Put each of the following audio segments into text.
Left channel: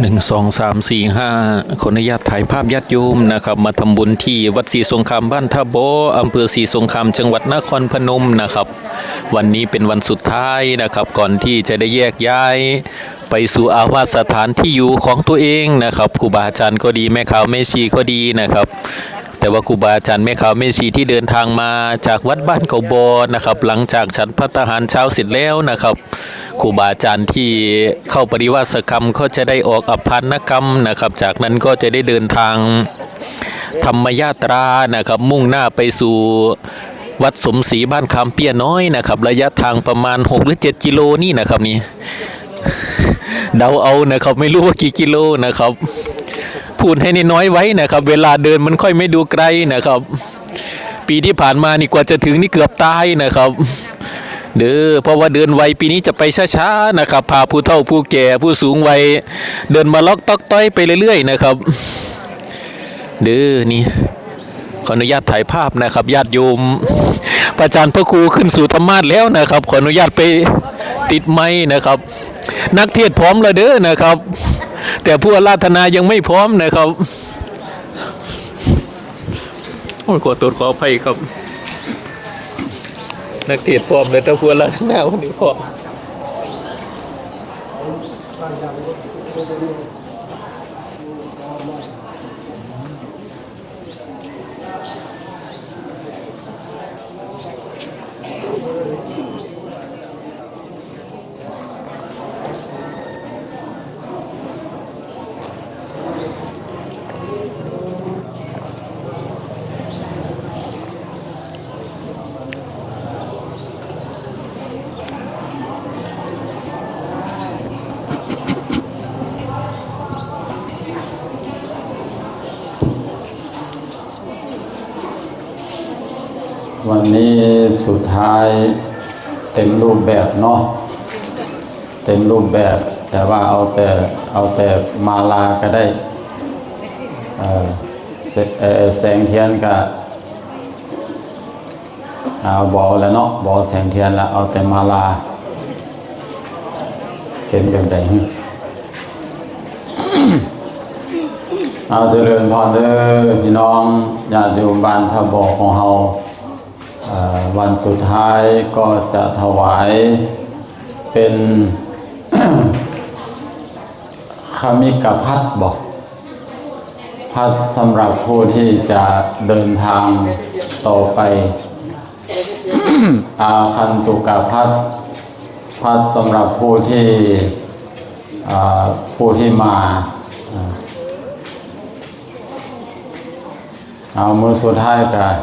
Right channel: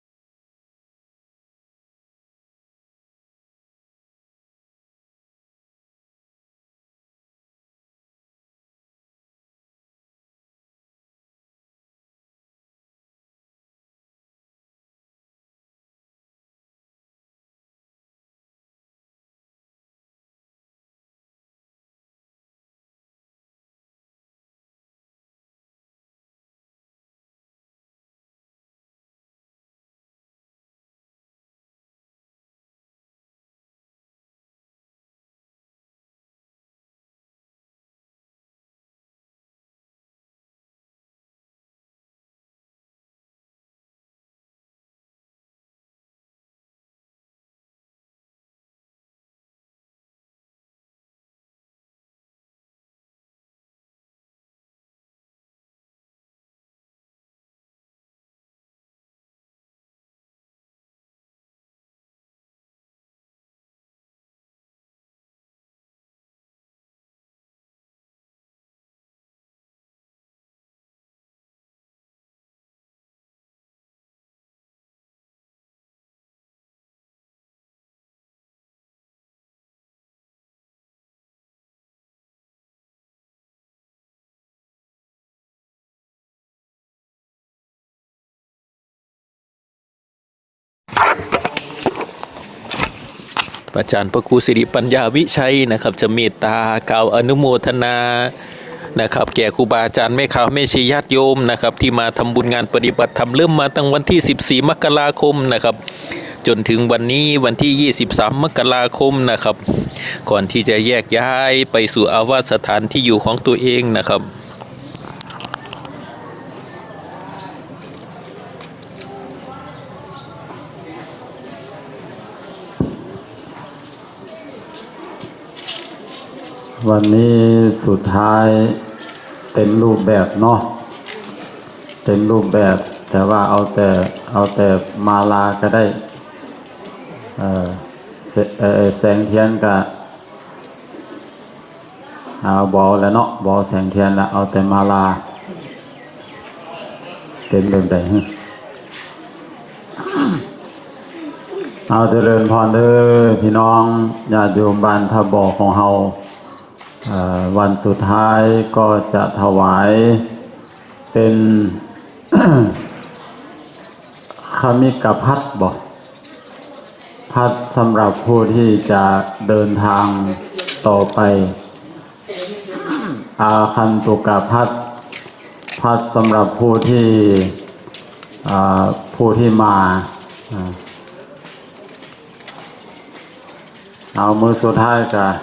หนึ่งสองสามสี่ห้าขออนุญาตถ่ายภาพญาติโยมนะครับ มาทำบุญที่วัดศรีสงครามบ้านท่าโบอำเภอศรีสงครามจังหวัดนครพนมนะครับ วันนี้เป็นวันสุดท้ายนะครับ ก่อนที่จะได้แยกย้าย ไปสู่อาวาสสถานที่อยู่ของตัวเองนะครับครูบาอาจารย์ก็ดีแม่ขาวแม่ชีก็ดีนะครับแต่ว่าครูบาอาจารย์แม่ขาวแม่ชีที่เดินทางมาจากวัดบ้านเขาบอนะครับ หลังจากฉันพัฒหารเช้าเสร็จแล้วนะครับ ครูบาอาจารย์ที่เข้าปริวาสกรรมก็จะได้ออกอภันกรรมนะครับ จากนั้นก็จะได้เดินทางธรรมยาตรานะครับ มุ่งหน้าไปสู่วัดสมศรีบ้านคำเปียน้อยนะครับ ระยะทางประมาณ 6 หรือ 7 กิโลนี่นะครับนี่เดาเอานะครับไม่รู้ว่ากี่กิโลนะครับพูดให้นน้อยไว้นะครับ เวลาเดินมันค่อยไม่ดูไกลนะครับ ปีที่ผ่านมานี่กว่าจะถึงนี่เกือบตายนะครับ เด้อเพราะว่าเดินไวปีนี้จะไปช้าๆนะครับพาผู้เฒ่าผู้แก่ผู้สูงวัยเดินมาล็อกตอกต้อยไปเรื่อยๆนะครับ เด้อนี่ขออนุญาตถ่ายภาพนะครับญาติโยมพระอาจารย์พระครูขึ้นสู่ธรรมาสแล้วนะครับ ขออนุญาตไปติดไม้นะครับ นักเทศพร้อมแล้วเด้อนะครับ แต่ผู้อาราธนายังไม่พร้อมนะครับโอ้ยขอตรวจขออภัยครับ นักเทศพร้อมเลยต่ผู้อาราธนาวันนี้พร้อมอาจารย์พระครูสิริปัญญาวิชัยนะครับ จะเมตตากล่าวอนุโมทนานะครับ แก่ครูบาอาจารย์แม่ข่าวแม่ชีญาติโยมนะครับ ที่มาทำบุญงานปฏิบัติธรรมเริ่มมาตั้งวันที่ 14 มกราคมนะครับ จนถึงวันนี้วันที่ 23 มกราคมนะครับ ก่อนที่จะแยกย้ายไปสู่อาวาสสถานที่อยู่ของตัวเองนะครับ วันนี้สุดท้ายเต็มรูปแบบเนาะเต็มรูปแบบ แต่ว่าเอาแต่เอาแต่มาลาก็ได้ แสเออแสงเทียนกับเอาบอแล้วเนาะบอแสงเทียนแล้วเอาแต่มาลา เต็มเรื่องใดให้เอาเจริญพรเด้อพี่น้องญาติโยมบ้านทบอของเฮาวันสุดท้ายก็จะถวายเป็นคามิกพัดบอก พัดสำหรับผู้ที่จะเดินทางต่อไป อาคันตุกะพัดพัดสำหรับผู้ที่ผู้ที่มาเอามือสุดท้ายกัน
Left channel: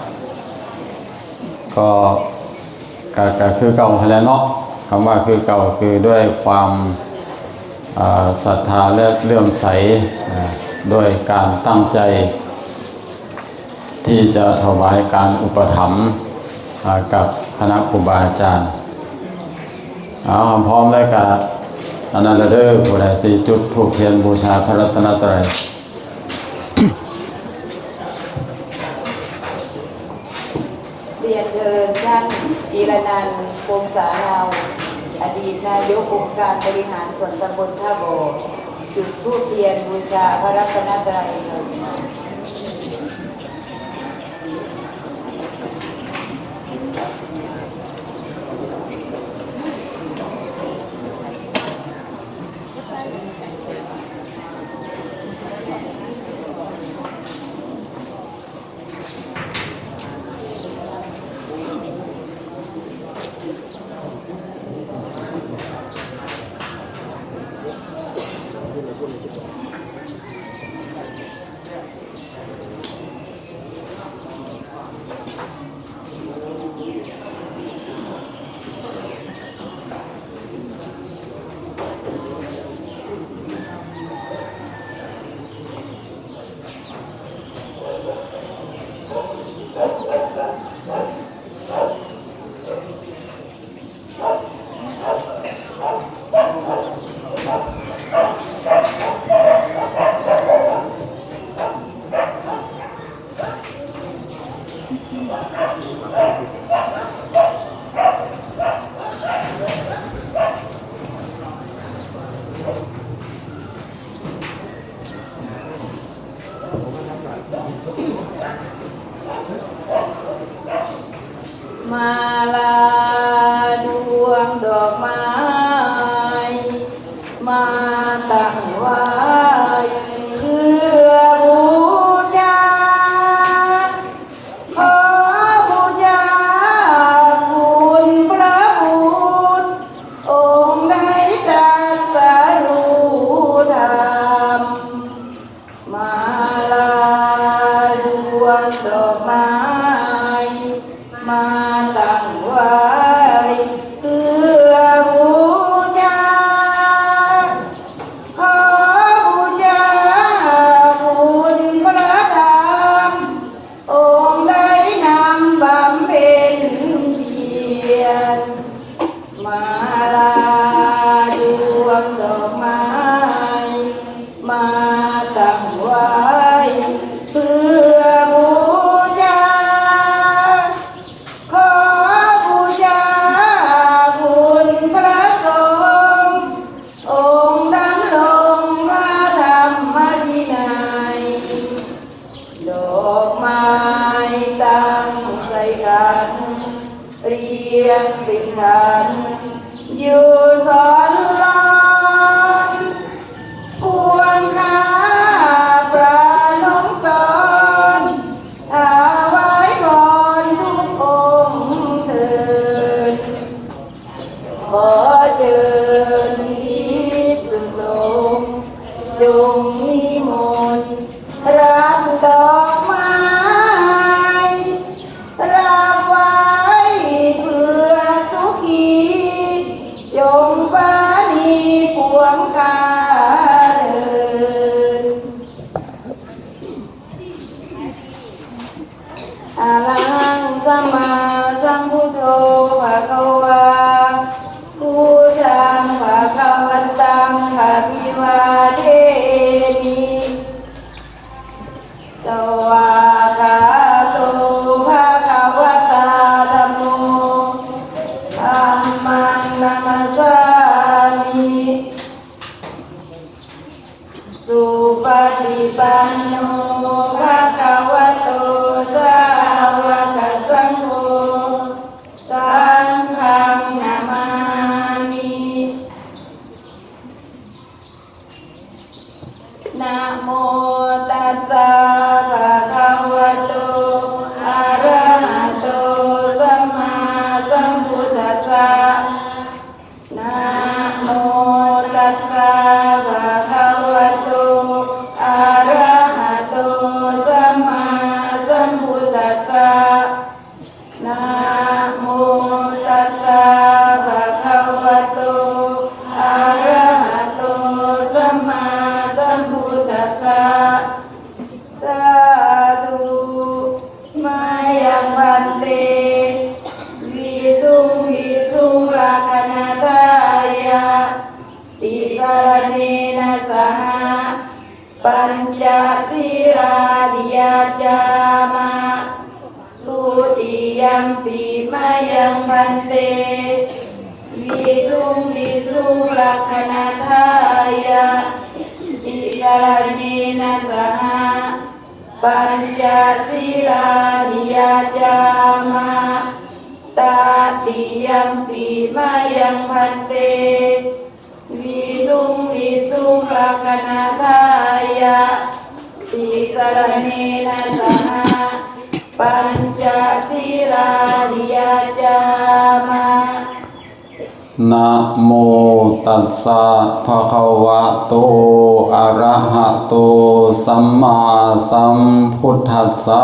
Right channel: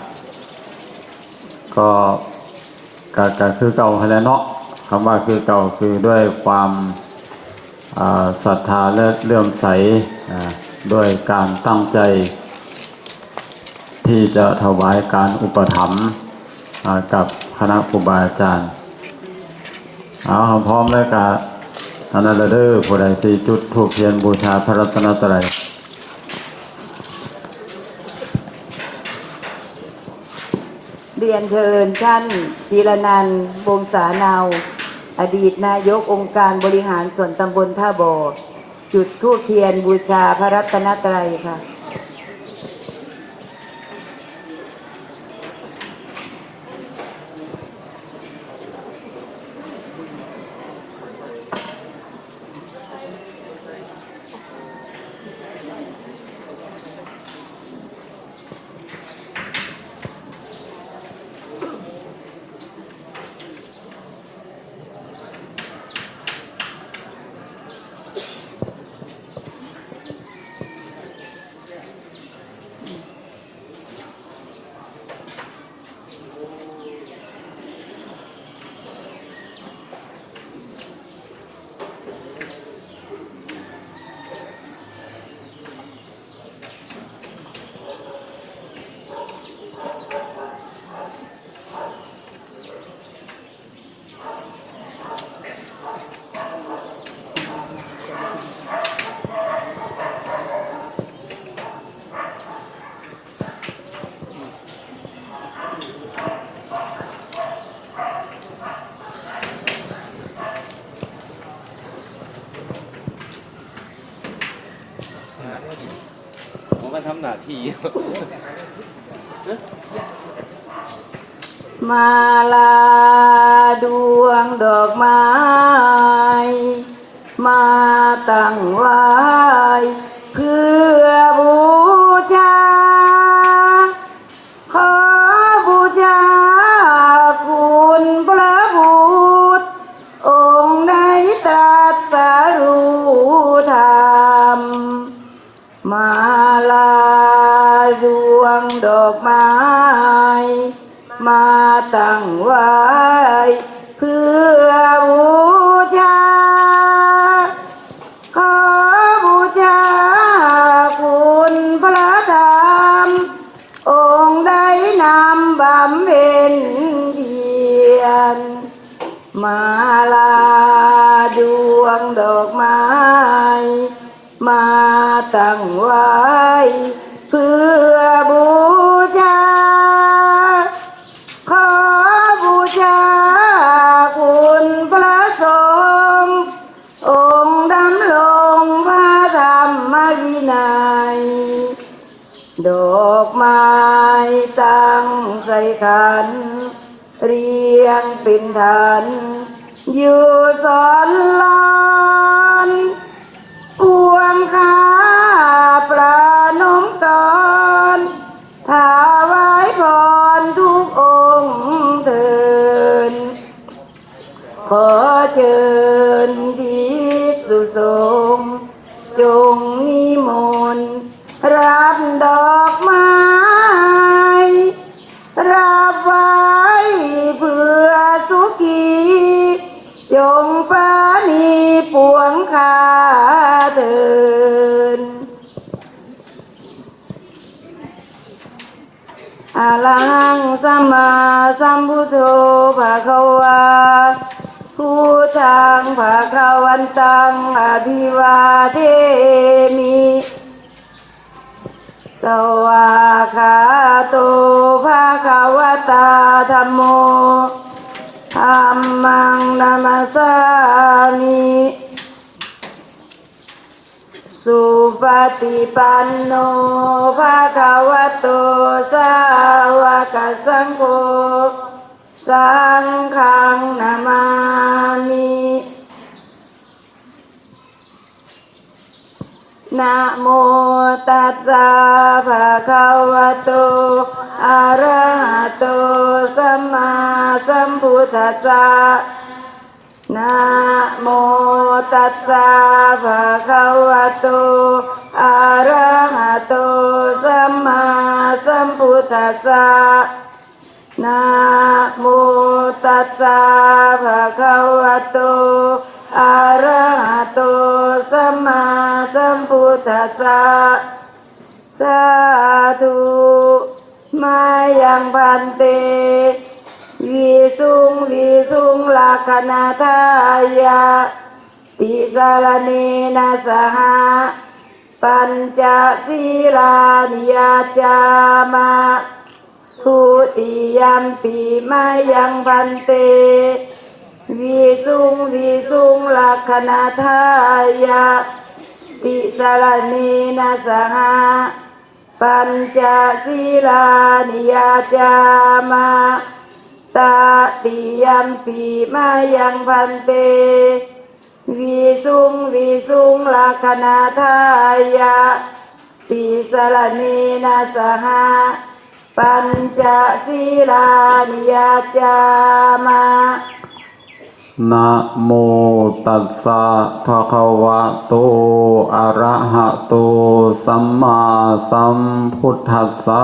ก็ก็ก็คือเก่าแล้วเนาะคำว่าคือเก่าคือด้วยความศรัทธาและเลื่อมใสอ่า ด้วยการตั้งใจ ที่จะถวายการอุปถัมภ์กับคณะครูบาอาจารย์ เอาพร้อมแล้วกับอันนั้นเด้อผู้ใดสี่จุดถูกเทียนบูชาพระรัตนตรัยเรียนเชิญท่านจีรนันท์วงศาเนา อดีตนายกองค์การบริหารส่วนตำบลท่าบ่อ จุดธูปเทียนบูชาพระรัตนตรัยค่ะ ผมมาทำหน้าที่มาลา อกไม้ตั้งใส่กัน เรียงเป็นฐานอยู่สอนลา นะโมตัสสะภะคะวะโตอะระหะโตสัมมาสัมพุทธัสสะนะโมตัสสะภะคะวะโตอะระหะโตสัมมาสัมพุทธัสสะนะโมตัสสะ ยาติสารเนนะสหปัญจศีลานิยจามาทุติยัมปีมายังพันเตวิสุงวิสุงลากนาทายาติสารเนนะสหปัญจศีลานิยจามา ตาติยัมปีมายังพันเตวิสุงวิสุงลาคนาทายาติสรเนนะสหปัญจศีลานิยาจามานะโมตัสสะภะคะวะโต อะระหะโต สัมมาสัมพุทธัสสะ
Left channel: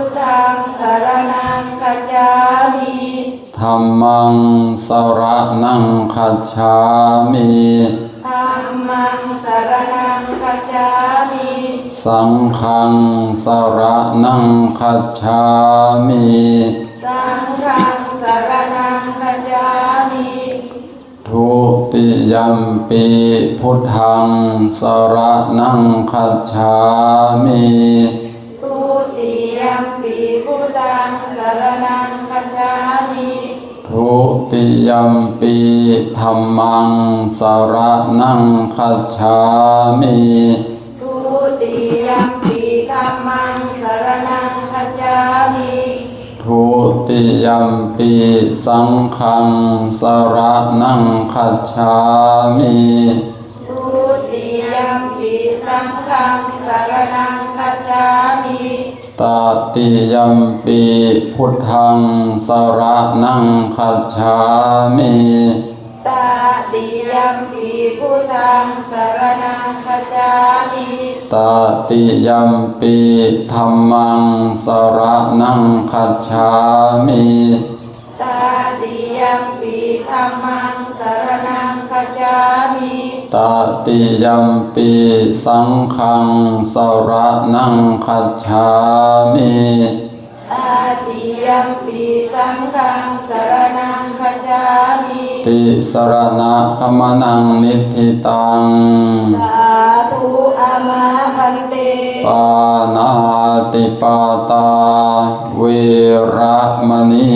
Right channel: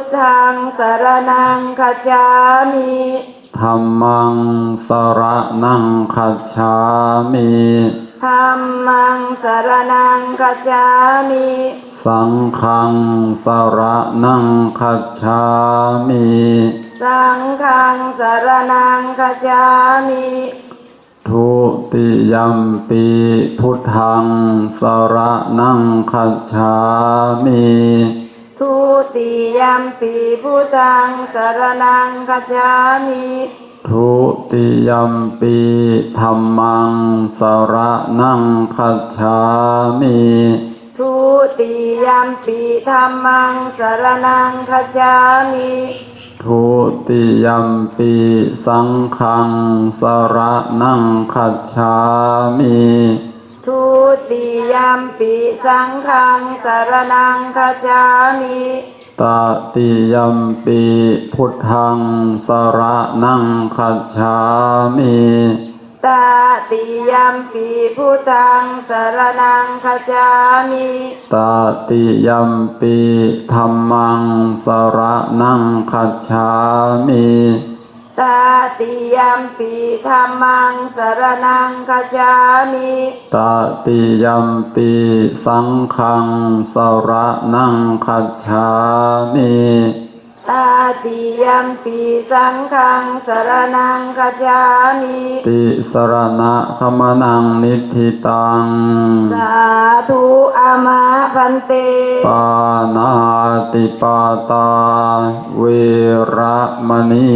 ท ธังสารนังคัจฉามิธัมมังสรนังคัจฉามิธัมมังสารนังคัจฉามิสังฆังสรนังคัจฉามิสังฆังสารนังคัจฉามิทุติยัมปีพุทธังสรนังคัจฉามิ ทุติยัมปีพุทธังสารนังคัจฉามิทุติยัมปีธัมมังสรนังคัจฉามิทุติยัมปีธัมมังสารนังคัจฉามิทุติยัมปีสังฆังสรนังคัจฉามิทุติยั มปีสังฆังสารนังคัจฉามิตติยัมปีพุทธังสรนังคัจฉามิตาติยัมปีพุทธังสารนังคัจฉามิตติยัมปีธัมมังสรนังคัจฉามิ ตาติยัมปีธัมมังสารนังคัจฉามิตติยัมปีสังฆังสรนังคัจฉามิตาติยัมปี สังฆังสารนังคัจฉามิติสรณะขมนังนิธิตัง สาธุอามาพันเต ปานาติปาตา เวระมณี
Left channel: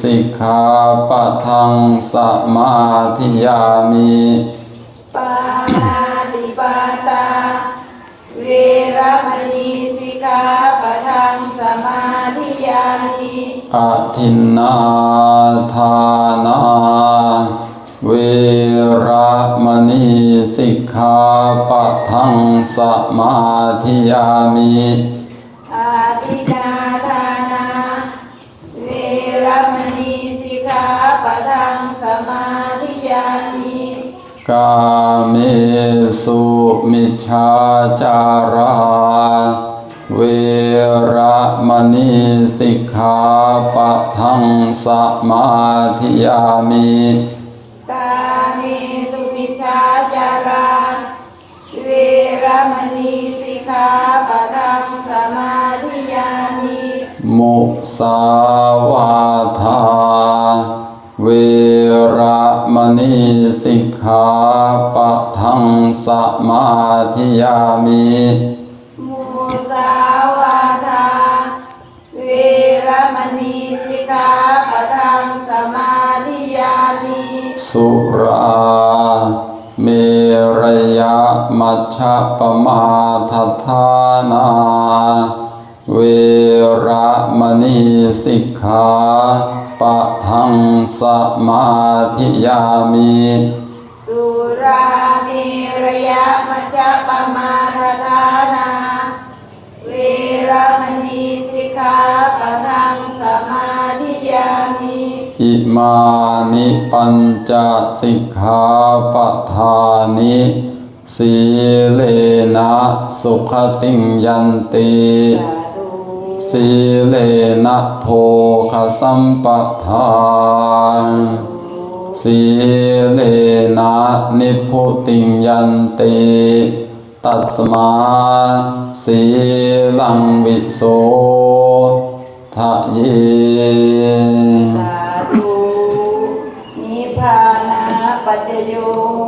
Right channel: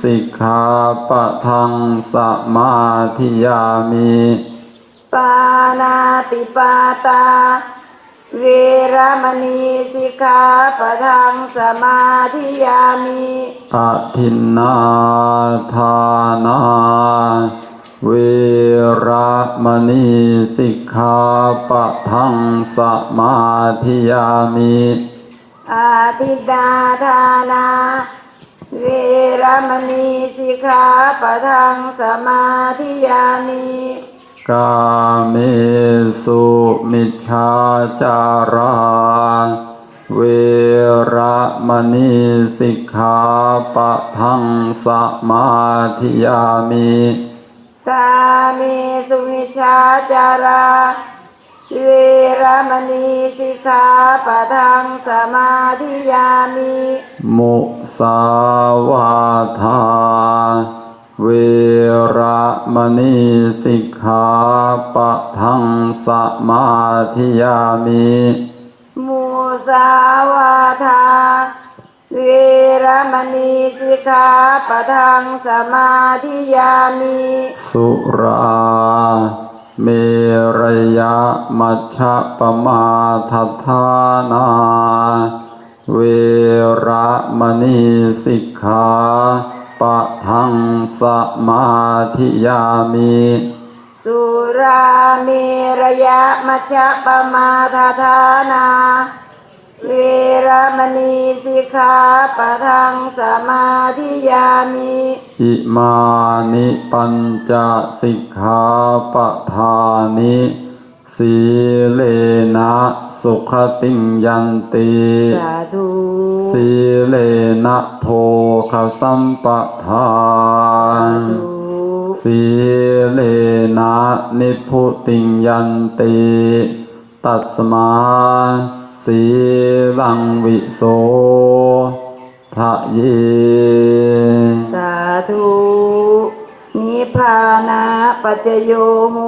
สิกขาปะทังสมาธิยามิ ปานาติปาตาเว รมณีสิกขาปะทังสมาธิยามิอะทินนาทานาเวระมณีสิกขาปะทังสมาธิยามิอาทินาทานาเวรมณีสิกขาปะทังสมาธิยามิกาเม สุมิชฌาจาราเวระมณีสิกขาปะทังสมาธิยามิกาเมสุวิชาจาราเวรมณีสิกขาปะทังสมาธิยามิมุสาวาทาเวระ มณีสิกขาปะทังสมาธิยามิมุสาวาทาเวรมณีสิกขาปะทังสมาธิยามิ สุราเมรยะมัชฌะปมาทัฏฐานา เวระมณีสิกขาปะทังสมาธิยามิสุราเมรยะมัจจปมาทฐานาเวรมณีสิกขาปะทังสมาธิยามิอิมานิปัญจสิกขาปทานิ สีเลนะสุขติงยันติสาธุสีเลนะโภคสัมปทานสีเลนะนิพุติงยันติตัสมาสีลังวิโสทะเยสาธุนิพพานะปัจจโยโหตุ